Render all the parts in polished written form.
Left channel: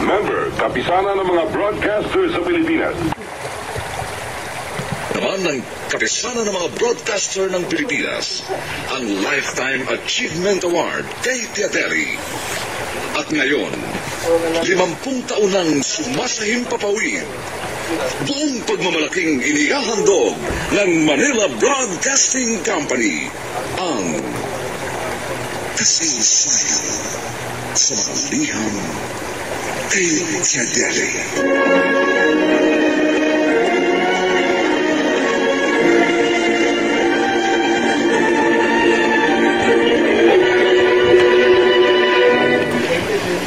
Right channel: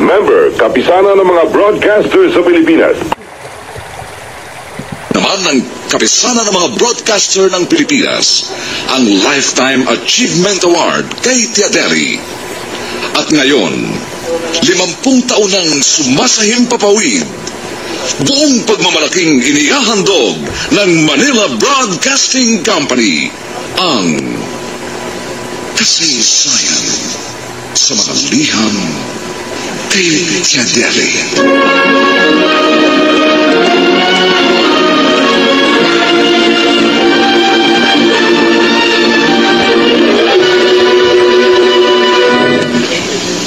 member, kapisanan ng mga broadcasters sa Pilipinas. Naman ng kapisanan ng mga broadcaster ng Pilipinas, ang Lifetime Achievement Award kay Tiadeli. At ngayon, 50 taon nang sumasahimpapawid, buong pagmamalaking inihahandog ng Manila Broadcasting Company ang kasaysayan sa mga liham kay Tiadeli.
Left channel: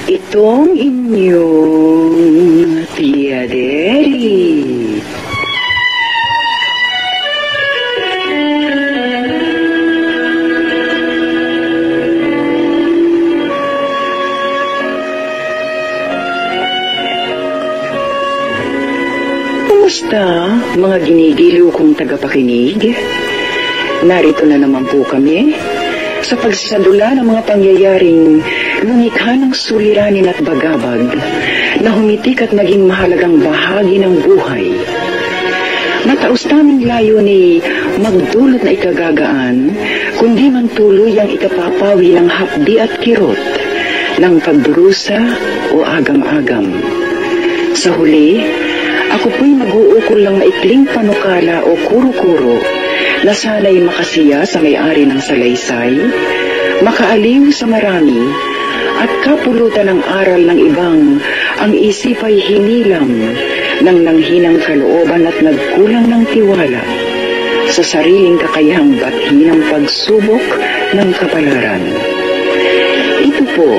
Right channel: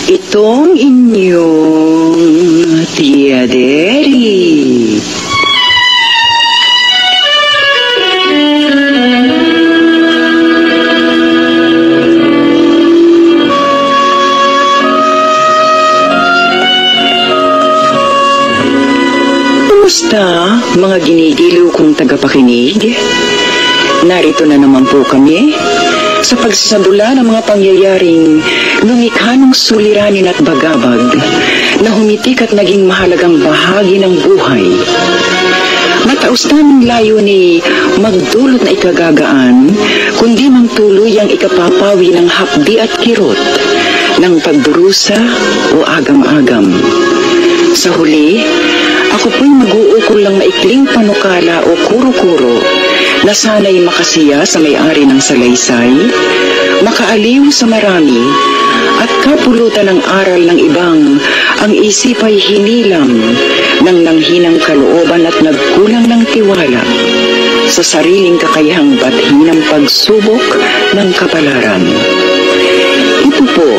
Itong inyong Tiadeli. Kumusta, mga ginigiliw kong tagapakinig? Narito na naman po kami sa pagsasadula ng mga pangyayaring lumikha ng suliranin at bagabag na humitik at naging mahalagang bahagi ng buhay. Mataos naming layo ni magdulot na ikagagaan, kundi mang tuloy ang ikapapawi ng hapdi at kirot ng pagdurusa o agam-agam. Sa huli, ako po'y mag-uukol lang maikling panukala o kuro-kuro na sana'y makasiya sa may-ari ng salaysay, makaaliw sa marami, at kapulutan ng aral ng ibang ang isip ay hinilang ng nanghinang kalooban at nagkulang ng tiwala sa sariling kakayahang batin ng pagsubok ng kapalaran. Ito po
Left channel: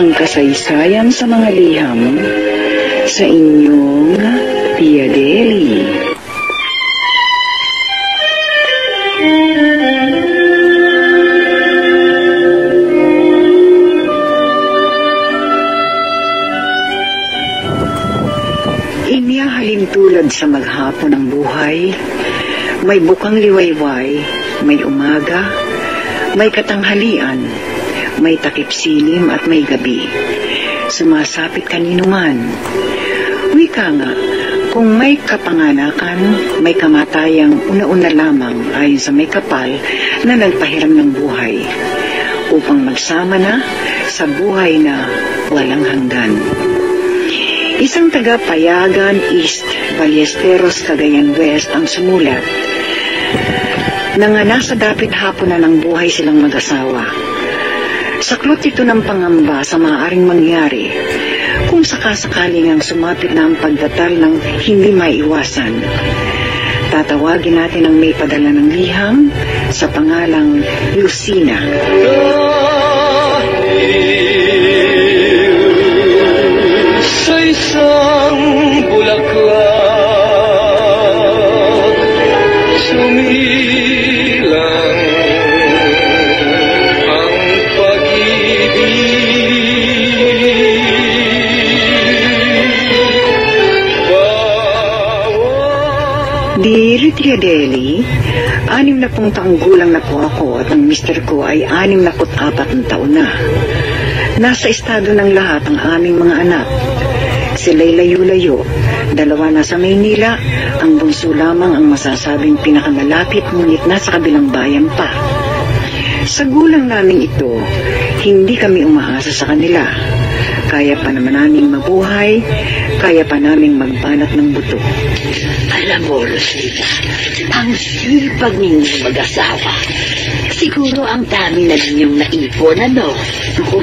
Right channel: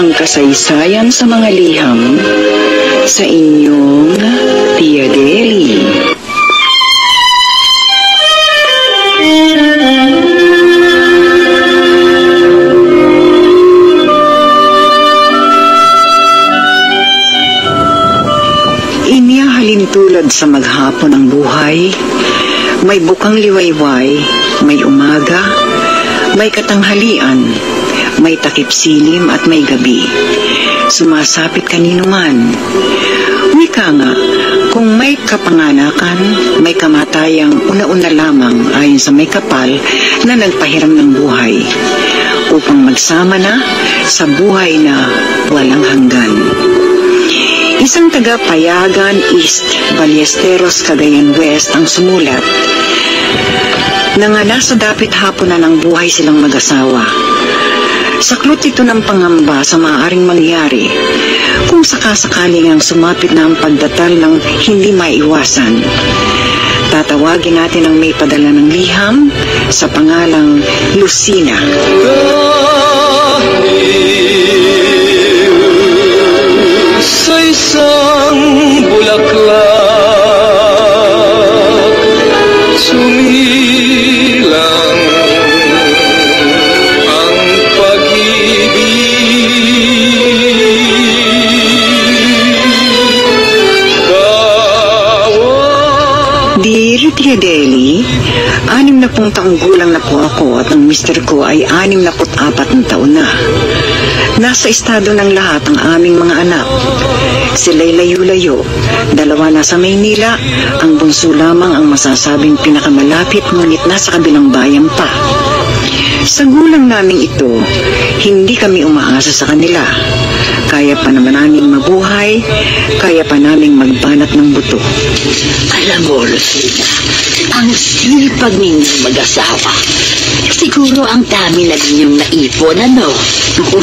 ang kasaysayan sa mga liham sa inyong Tiadeli. Tulad sa maghapon ng buhay, may bukang liwayway, may umaga, may katanghalian, may takip silim at may gabi. Sumasapit kanino man. Wika nga, kung may kapanganakan, may kamatayang una-una lamang ayon sa may kapal na nagpahiram ng buhay, upang magsama na sa buhay na walang hanggan. Isang taga-Payagan East, Ballesteros, Cagayan West ang sumulat na nga nasa dapit hapon na ng buhay silang mag-asawa. Saklot ito ng pangamba sa maaaring mangyari kung sakasakaling ang sumapit na ang pagdatal ng hindi maiwasan. Tatawagin natin ang may padala ng liham sa pangalang Lucina. Sa isang bulaklak, sumilang ang pag-ibig. Dear Tiadeli, 60 taong gulang na po ako at ang mister ko ay 64 na taon na. Nasa estado ng lahat ang aming mga anak. Sila'y layo-layo. 2 na sa Maynila, ang bunso lamang ang masasabing pinakamalapit ngunit nasa kabilang bayan pa. Sa gulang naming ito, hindi kami umaasa sa kanila. Kaya pa naman naming mabuhay, kaya pa naming magbanat ng buto. Alam mo, Rosita, ang sipag ninyong mag-asawa. Siguro ang dami na ninyong naipon, ano? Ako,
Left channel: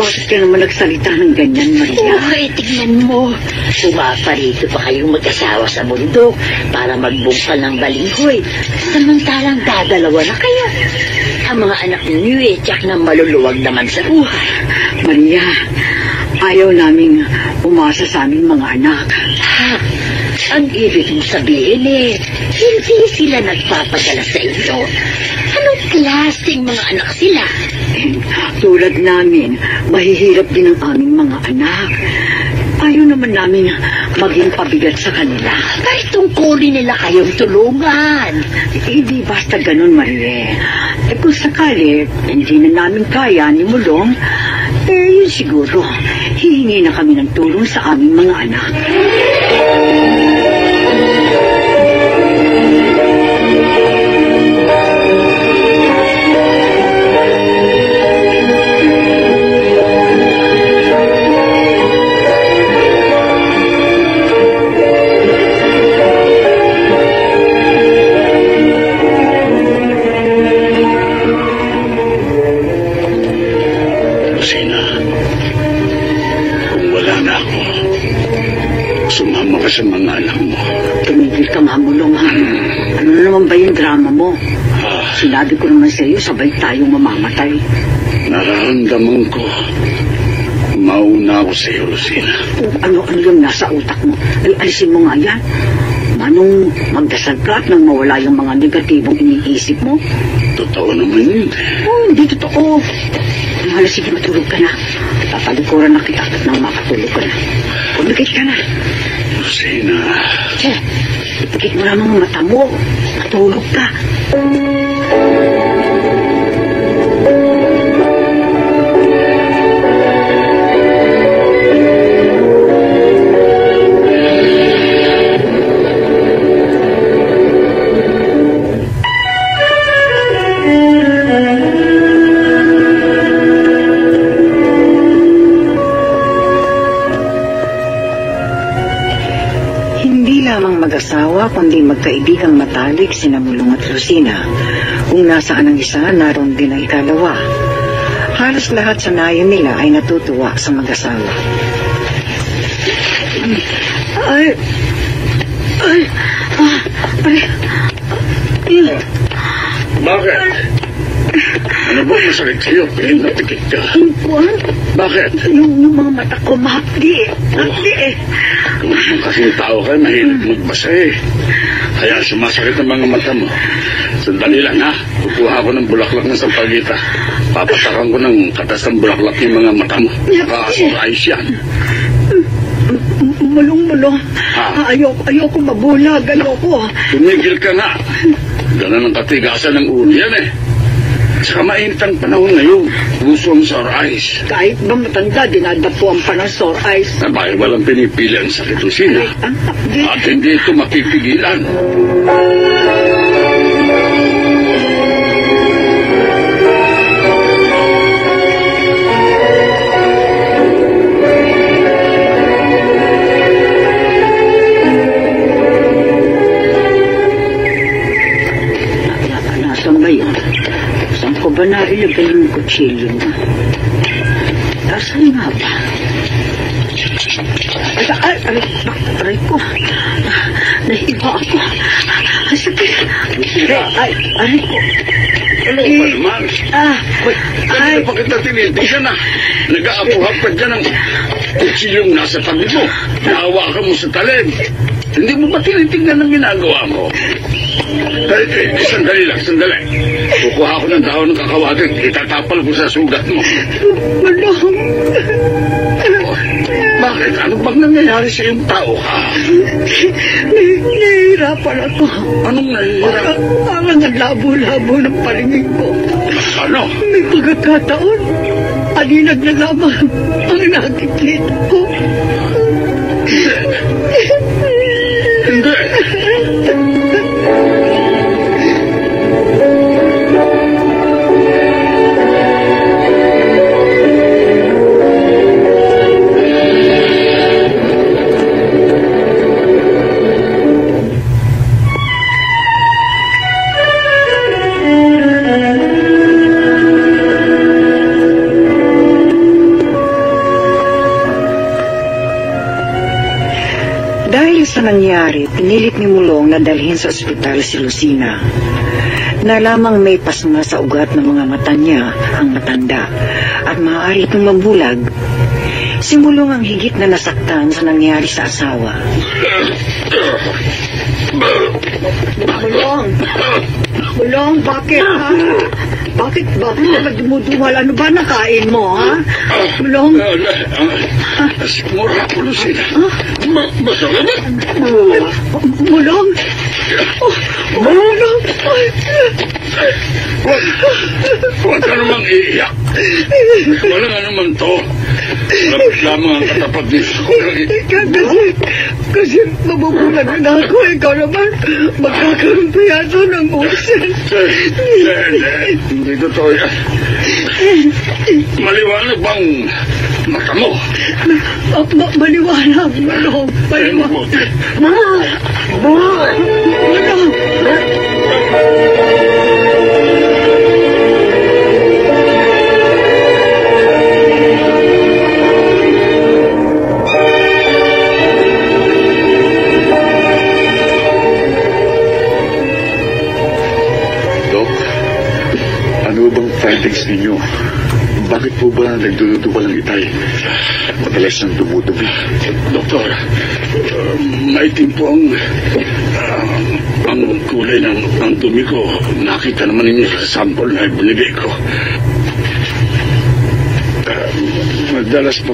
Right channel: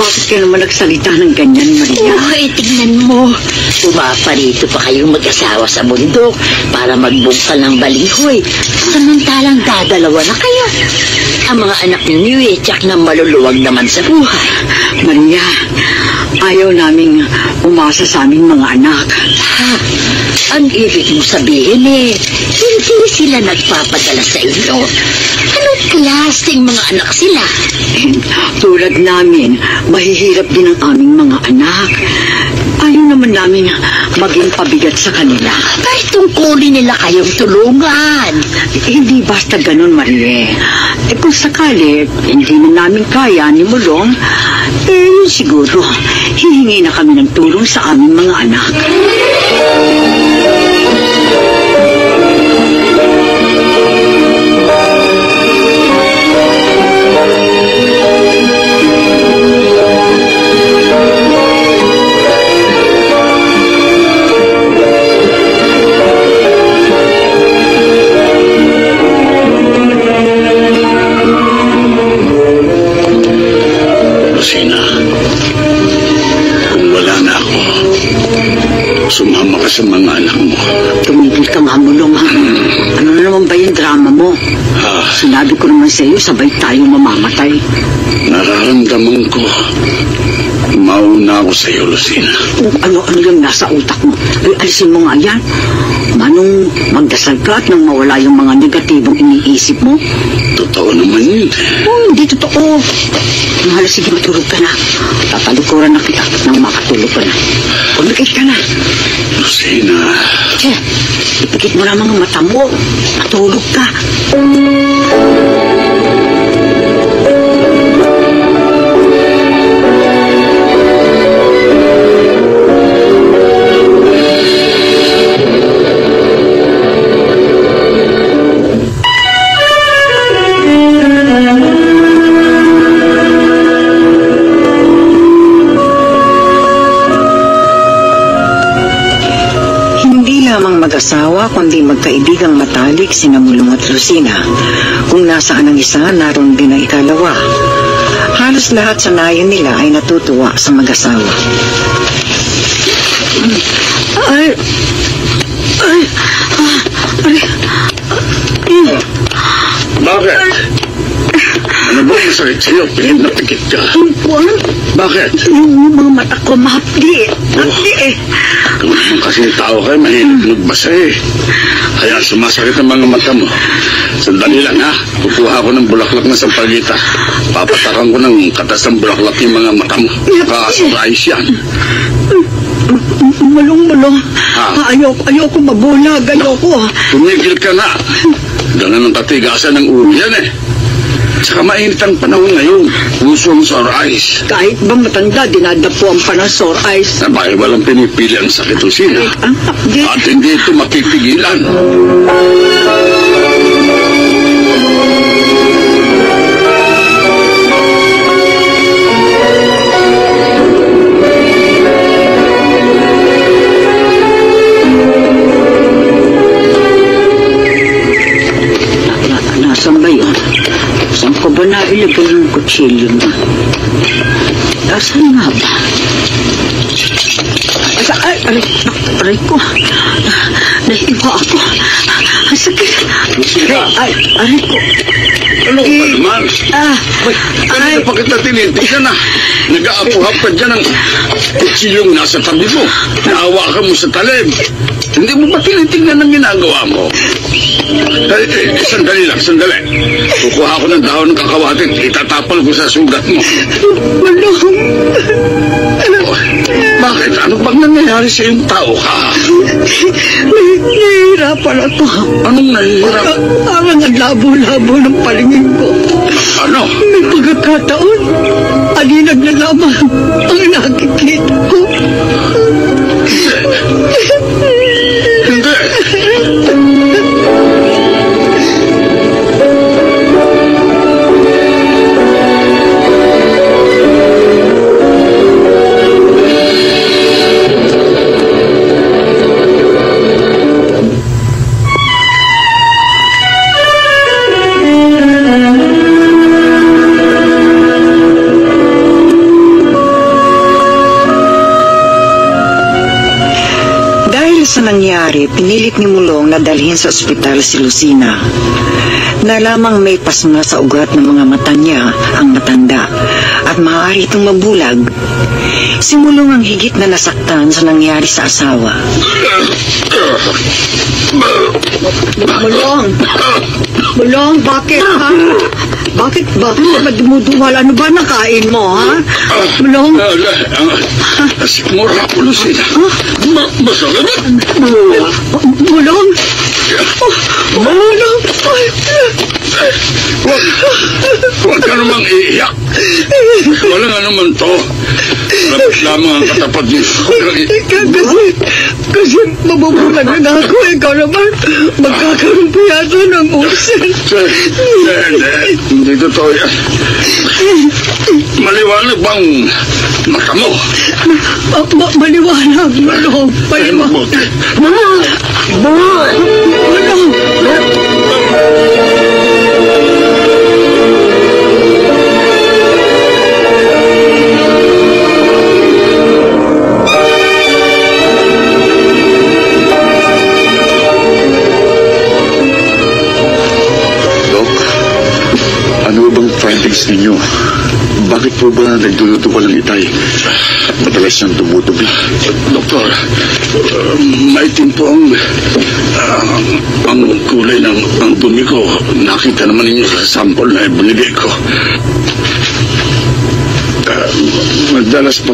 bakit ka naman nagsalita ng ganyan, Maria? Uy, tignan mo. Pumaparito pa kayong mag-asawa sa bundok para magbungkal ng balinghoy. Samantalang dadalawa na kayo. Ang mga anak ninyo tiyak na maluluwag naman sa buhay. Maria, ayaw naming umasa sa aming mga anak. Ha? Ang ibig mo sabihin hindi sila nagpapadala sa inyo. Anong klaseng mga anak sila? Tulad namin, mahihirap din ang aming mga anak. Ayaw naman namin maging pabigat sa kanila. Ay, tungkulin nila kayong tulungan. Hindi basta ganun, Marie. Kung sakali, hindi na namin kaya ni Mulong, yung siguro, hihingi na kami ng tulong sa aming mga anak. Sumama ka sa mga anak mo. Tumigil ka nga, Mulong, ha? Ano na naman ba yung drama mo? Sinabi ko naman sa iyo, sabay tayo mamamatay. Nararamdaman ko. Mauna ako sa iyo, Lucina. Kung ano-ano yung nasa utak mo, ay alisin mo nga yan. Manong magdasal ka at nang mawala yung mga negatibong iniisip mo. Totoo naman yun. Hindi totoo. Mahal, sige, matulog ka na. Tatalikuran na kita nang makatulog ka na. Pumikit ka na. Lucina. Tiyan, ipikit mo lang ang mata mo. Matulog ka. Mag-asawa kundi magkaibigang matalik sina Mulong at Lucina. Kung nasaan ang isa, naroon din ang ikalawa. Halos lahat sa nayon nila ay natutuwa sa mag-asawa. Bakit? Ano ba masakit sa'yo? Pinapikit ka. Bakit? Yung mga mata ko mahapdi. Mahapdi eh. Kung kasing tao kayo, mahilig magbasa eh. Kaya sumasakit ang mga mata mo. Sandali lang ha. Kukuha ko ng bulaklak na sampagita. Papatakan ko ng katas ng bulaklak yung mga mata mo. Kasurprise yan. Mulong. Ayoko mabulag. Ayoko. Tumigil ka na. Ganun ang katigasan ng ulo yan eh. Saka mainit ang panahon ngayon. Gusto ang sore eyes. Kahit ba matanda, dinadapo ang panang sore eyes. Sabay walang pinipili ang sakit o sila. At hindi ito mapipigilan. Nasaan ba yun? Saan ko ba nailagay yung kutsilyo na? Nasaan nga ba? Aray ko. Nahiwa ako. Ang sakit. Aray ko. Ano ka ba naman? Kanina pa kita tinitignan na. Nag-aapuhap ka dyan ang kutsilyong nasa tabi mo. Naawakan mo sa talim. Hindi mo ba tinitignan ang ginagawa mo? Sandali lang, sandali. Kukuha ko ng dahon ng kakawatin. Itatapal ko sa sugat mo. Mulong. Bakit? Ano bang nangyayari sa iyong tao ka? Nahihirapan ako. Anong nahihirap? Ang labo-labo ng palingin ko. Ano? May pagkakataon. Alinag na lamang ang nakikita ko. Hindi. Sa nangyari, pinilit ni Mulong na dalhin sa ospital si Lucina. Nalamang may pasma sa ugat ng mga mata niya ang matanda at maaari itong mabulag. Si Mulong ang higit na nasaktan sa nangyari sa asawa. Mulong, bakit ha? Bakit ka ba dumuduwal? Ano ba nakain mo, ha? Mulong? Mura ko, Lucina. Masarap. Mulong? Mulong? Huwag ka namang iiyak. Wala nga naman to. Malapit lamang ang katapat niyo. Kasi mabubulag na ako. Ikaw naman, magkakaroon pa yata ng usin. Hindi totoo yan. Maliwanag bang mata mo? Maliwanag. Maliwanag. Findings ninyo. Bakit po ba nagdududuwal ang itay? At madalas siyang tumutubi? Doktor, maitim po ang kulay ng dumi ko. Nakita naman ninyo sa sample na ibinigay ko. Madalas po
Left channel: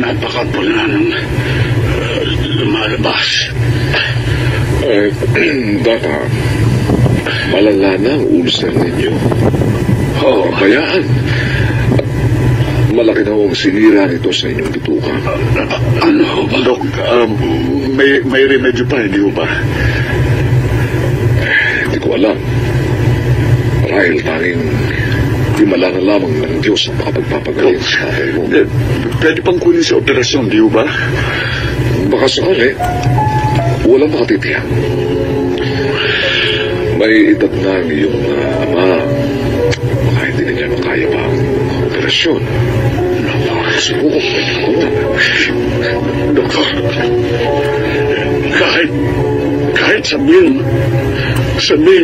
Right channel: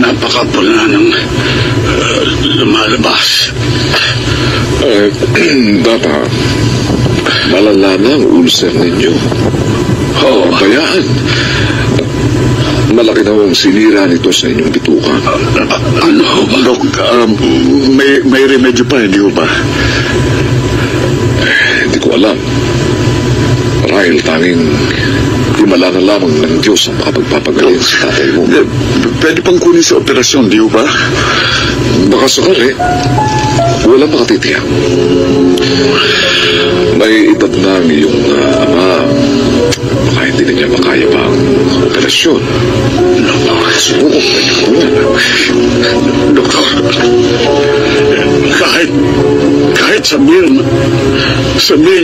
napakapula ng lumalabas. Baka malala na ang ulcer ninyo. Kayaan. Malaki na ang sinira nito sa inyong bituka. Dok, may remedyo pa, hindi ba? Hindi ko alam. Marahil tanging himala na lamang ng Diyos ang makapagpapagaling sa tatay mo. Pwede pang kunin sa operasyon, di ba? Baka sakali, walang makatitiyak. May edad na ang iyong ama. Baka hindi na niya makaya pa ang operasyon. Subukan na niya muna. Doktor, kahit sabihin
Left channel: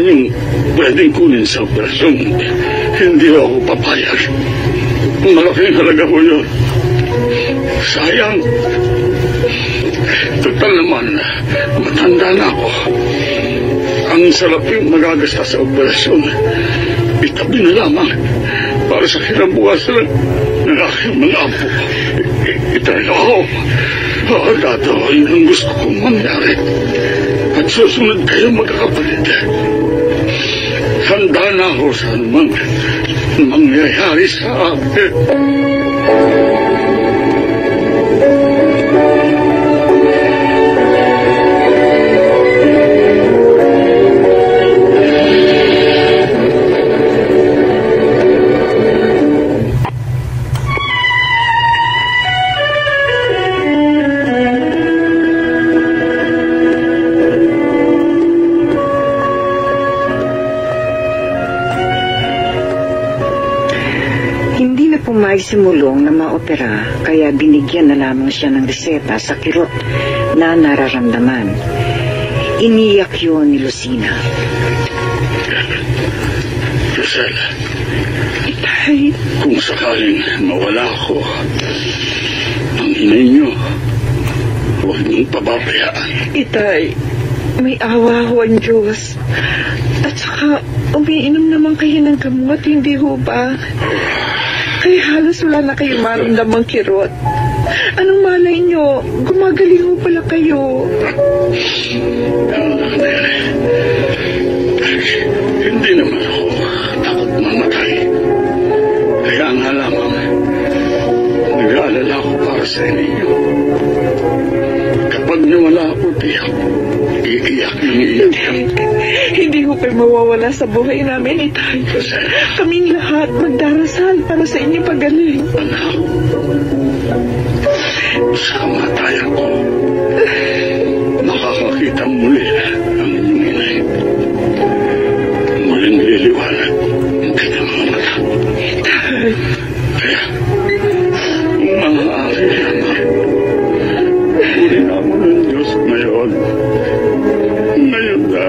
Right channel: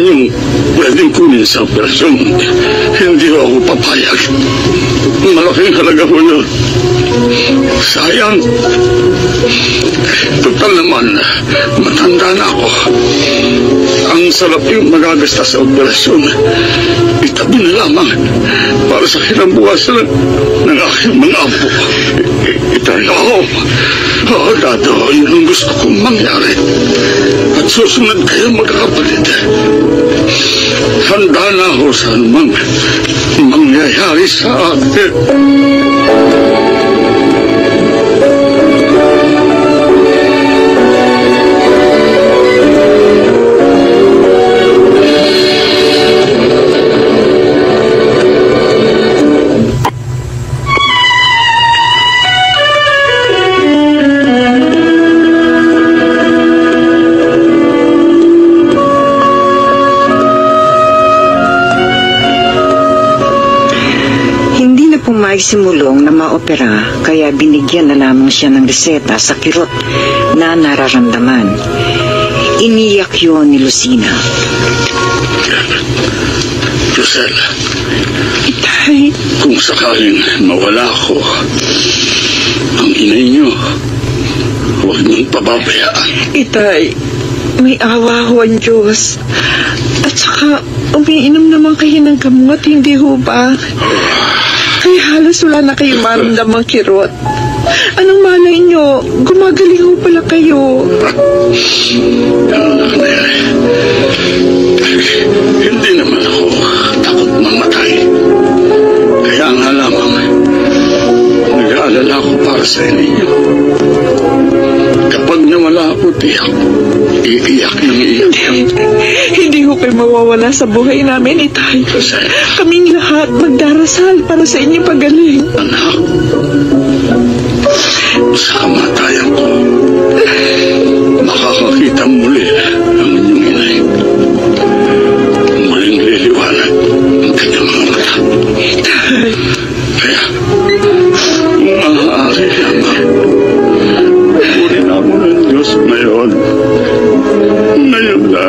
yung pwedeng kunin sa operasyon, hindi ako papayag. Malaking halaga ko yun. Sayang. Total naman, matanda na ako. Ang sarap yung magagasta sa operasyon. Itabi na lamang para sa kinabukasan ng aking mga apo. Oo, Dado, yun ang gusto kong mangyari. At susunod kayo magkakapatid. Handa na ako sa anumang mangyayari sa atin. Simulong na maopera, kaya binigyan na lamang siya ng reseta sa kirot na nararamdaman. Iniyak yun ni Lucina. Rosella, Itay, kung sakaling mawala ako, ang inay niyo, huwag mong pababayaan. Itay, may awa ho ang Diyos. At saka, umiinom naman kayo ng gamot, hindi ho ba? Kaya halos wala na kayo maramdamang kirot. Anong malay nyo? Gumagaling ho pala kayo. Hindi naman ako takot mamatay. Kaya nga lamang, nag-aalala ako para sa inyo. Kapag nawala ako, tiyak, iiyak ng iiyak. Hindi ho kayo mawawala sa buhay namin, Itay. Kaming lahat magdarasal para sa inyong pagaling. Anak, sa kamatayan ko, makakakita muli ang inyong inay. Muling liliwanag ang kanyang mga mata. Kaya, maaari naman, purin ako ng Diyos ngayon. Ngayon na.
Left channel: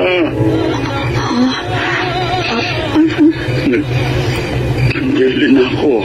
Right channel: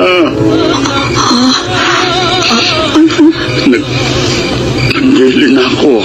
Nagbili na ako.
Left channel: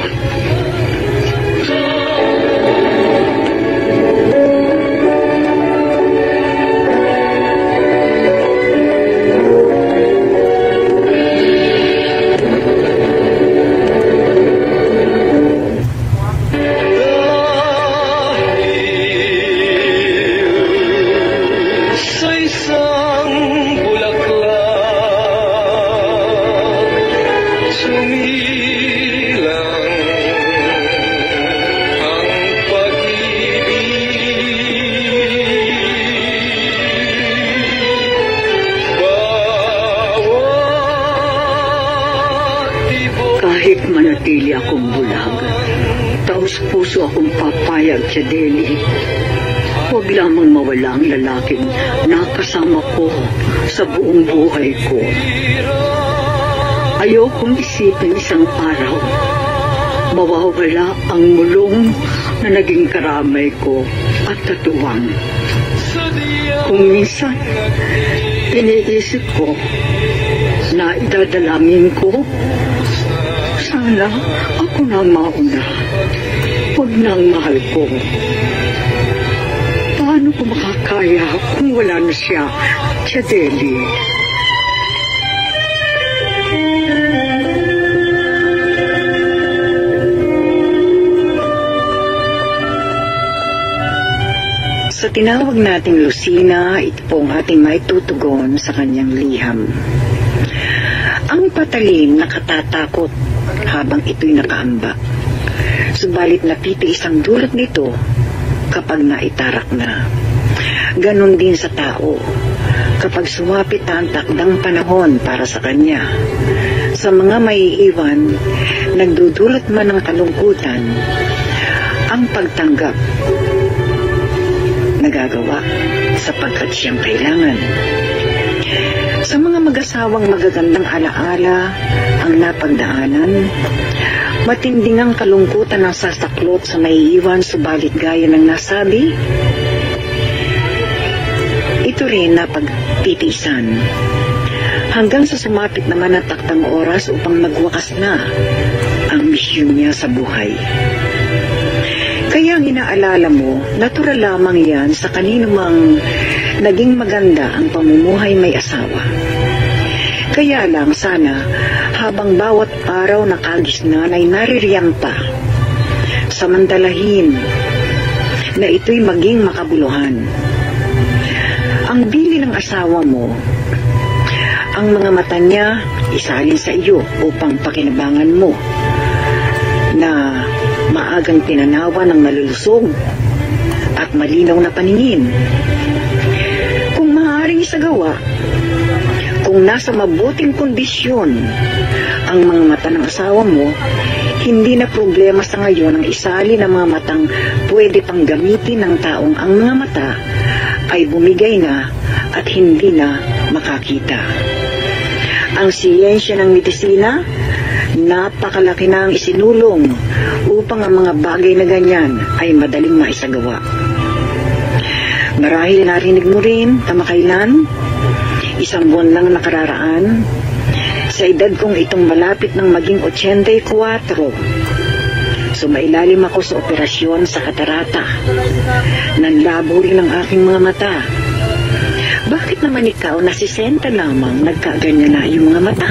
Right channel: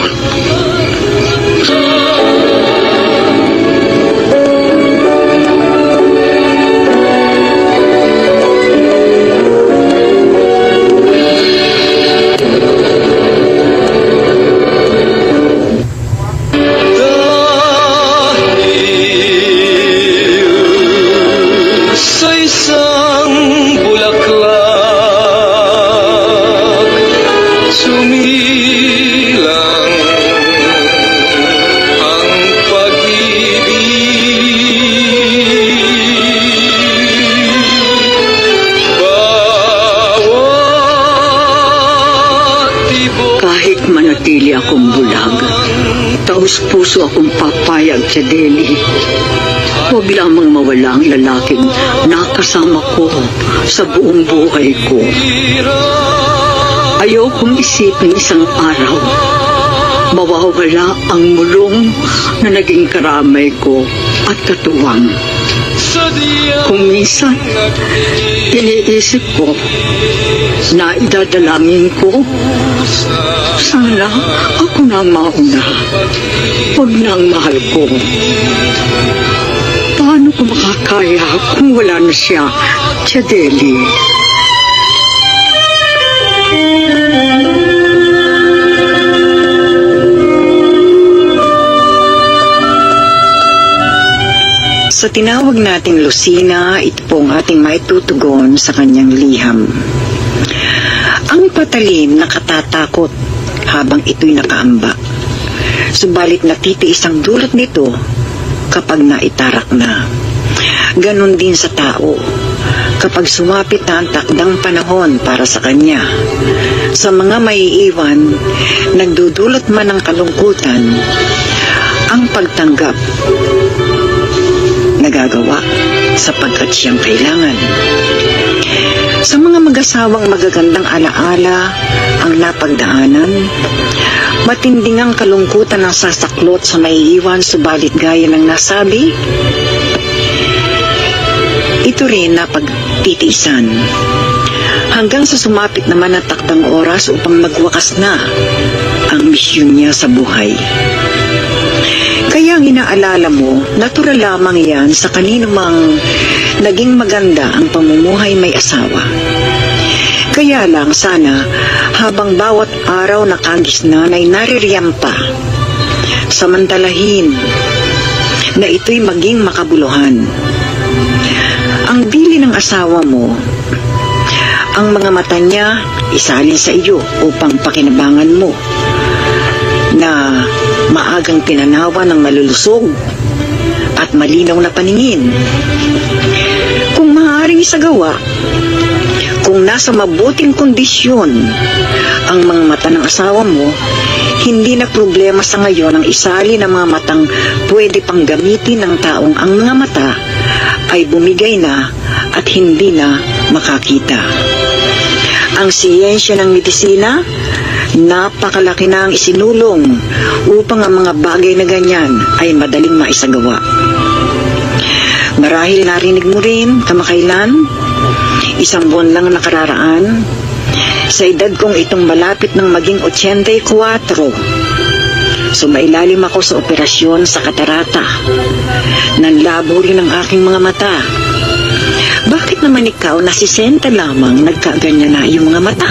maliwanag. Taos-puso akong papayag sa Deli. Huwag lamang mawala ang lalaking nakasama ko sa buong buhay ko. Ayokong isipin isang araw mawawala ang mulong na naging karamay ko at katuwang. Kung minsan, iniisip ko na idadalangin ko, sana ako na mauna, huwag na ang mahal ko. Paano ko makakaya kung wala na siya, Deli? Sa tinawag nating Lucina, ito po ang ating maitutugon sa kanyang liham. Ang patalim nakatatakot habang ito'y nakaamba. Subalit natitiis ang dulot nito kapag naitarak na. Ganon din sa tao kapag sumapit na ang takdang panahon para sa kanya. Sa mga maiiwan, nagdudulot man ng kalungkutan, ang pagtanggap nagagawa sapagkat siyang kailangan. Sa mga mag-asawang magagandang alaala ang napagdaanan, matinding ang kalungkutan ang sasaklot sa maiiwan, subalit gaya ng nasabi, ito rin napagtitiisan. Hanggang sa sumapit naman ang takdang oras upang magwakas na ang misyon niya sa buhay. Kaya ang inaalala mo, natural lamang yan sa kanino mang naging maganda ang pamumuhay may asawa. Kaya lang sana habang bawat araw na kagisnan ay naririyam pa, samantalahin na ito'y maging makabuluhan. Ang bili ng asawa mo, ang mga mata niya isalin sa iyo upang pakinabangan mo na maagang tinanawa ng malulusog at malinaw na paningin. Kung maaaring isagawa, kung nasa mabuting kondisyon ang mga mata ng asawa mo, hindi na problema sa ngayon ang isali ng mga matang pwede pang gamitin ng taong ang mga mata ay bumigay na at hindi na makakita. Ang siyensya ng medisina, napakalaki na ang isinulong upang ang mga bagay na ganyan ay madaling maisagawa. Marahil narinig mo rin kamakailan, isang buwan lang nakararaan, sa edad kong itong malapit ng maging 84, sumailalim ako sa operasyon sa katarata. Nanlabo rin ang aking mga mata. Bakit naman ikaw na 60 lamang nagkaganyan na iyong mga mata?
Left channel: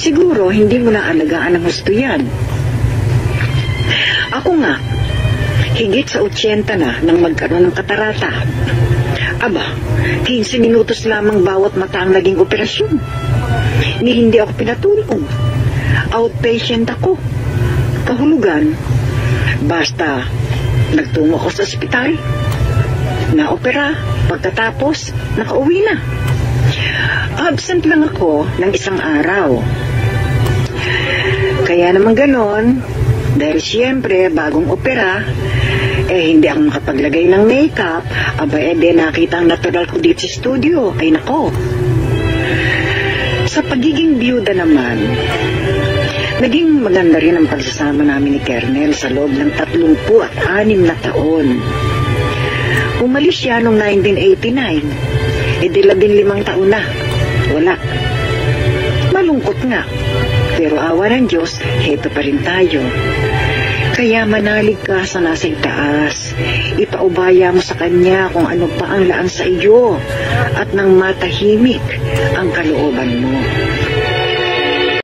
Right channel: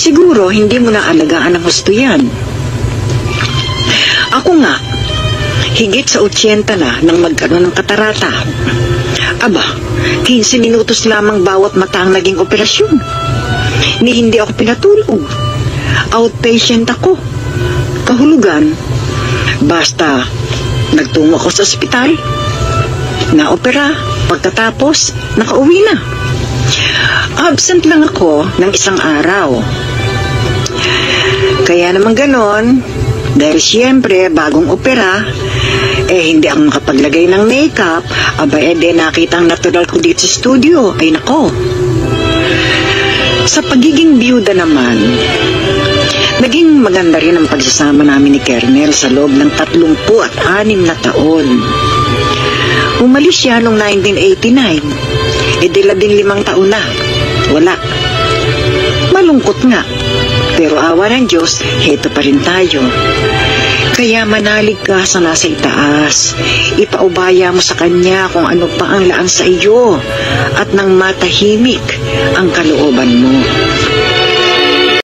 Siguro hindi mo na alagaan ang husto yan. Ako nga, higit sa 80 na nang magkaroon ng katarata. Aba, 15 minutos lamang bawat mata ang naging operasyon. Ni hindi ako pinatulog. Outpatient ako. Kahulugan, basta nagtungo ako sa ospital, na-opera, pagkatapos, nakauwi na. Absent lang ako ng isang araw. Kaya naman ganon, dahil siyempre bagong opera, hindi ako makapaglagay ng makeup, nakita ang natural ko dito sa studio, ay nako. Sa pagiging biyuda naman, naging maganda rin ang pagsasama namin ni Kernel sa loob ng 36 na taon. Umalis siya noong 1989, 15 taon na. Wala. Malungkot nga. Pero awa ng Diyos, heto pa rin tayo. Kaya manalig ka sa nasa itaas. Ipaubaya mo sa Kanya kung ano pa ang laan sa iyo at nang matahimik ang kalooban mo.